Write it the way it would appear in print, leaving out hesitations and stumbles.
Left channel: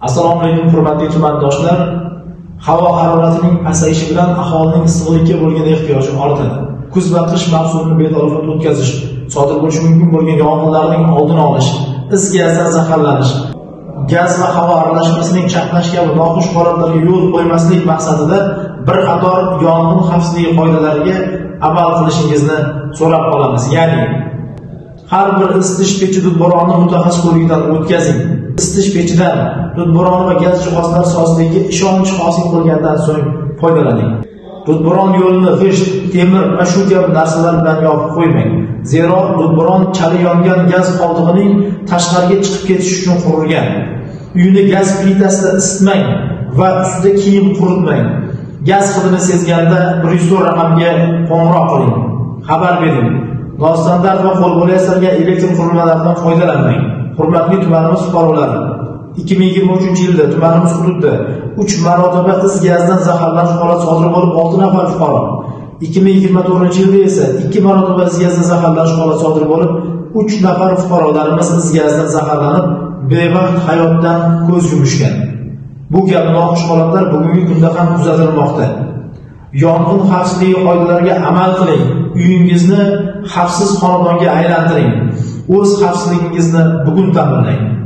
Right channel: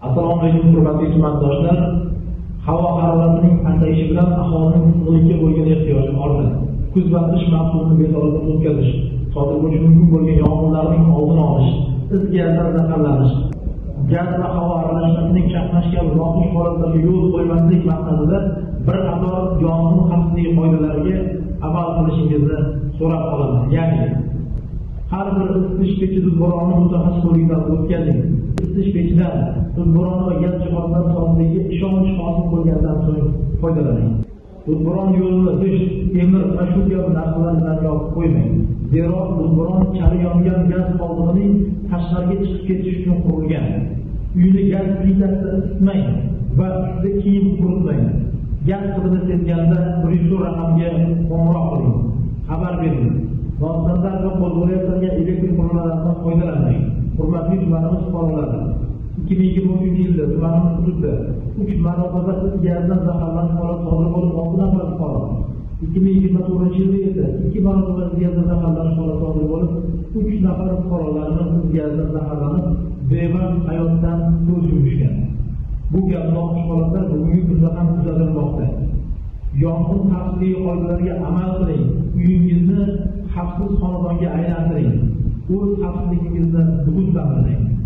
Assalomu alaykum hurmatli tumandoshlar. Havo haroratining pasayishi bilan aholining issiqlikka bo'lgan ehtiyoji ortadi. Kuz va qish mavsumini betarafot o'tkazish, sodir bo'lishi mumkin bo'lgan yong'inlarning oldini olish, is gazdan zaharlanish, gaz va havo aralashmasining chaqnash kabi noxush holatlarga yo'l qo'ymaslik maqsadida bir qator yong'in xavfsizligi qoidalariga amal qilishingizni so'rab qolamiz. Ya'ni har bir isitish pechi dudboronni mutaxassis ko'rigidan o'tkazing. Isitish pechidan dudboron va gaz jihozlari sozligiga ishonch hosil qilgandan so'ng foydalaning. Dudboron yo'lini g'isht, temir va shu kabi narsalar bilan yopib qo'ymang. Zero dudboron chali yongan gaz qoldig'ining tashqariga chiqib ketish uchun qurilgan. Uyni gaz plitasida isitmang va ustida kiyim quritmang. Gaz hidini sezganda 104 raqamga qo'ng'iroq qiling. Xabar bering. Nostandart va qo'lbola yasalgan elektr qurilmalaridan foydalanmang. Hurmatli tumanimiz fuqarolari, 2023-yilda tumanimiz hududida 3 marotaba is gazdan zaharlanish holati sodir bo'lib 6 nafar fuqaro, 2024-yilda esa 2 marotaba is gazdan zaharlanish holati sodir bo'lib 3 nafar fuqarolarimiz is gazdan zaharlanib bevaqt hayotdan ko'z yumishgan. Bu kabi noxush holatlar bugungi kunda ham kuzatilmoqda. Yong'in xavfsizligi qoidalariga amal qiling. Uyingizni xavfsiz xonadonga aylantiring. O'z xavfsizligingizni bugun ta'minlang.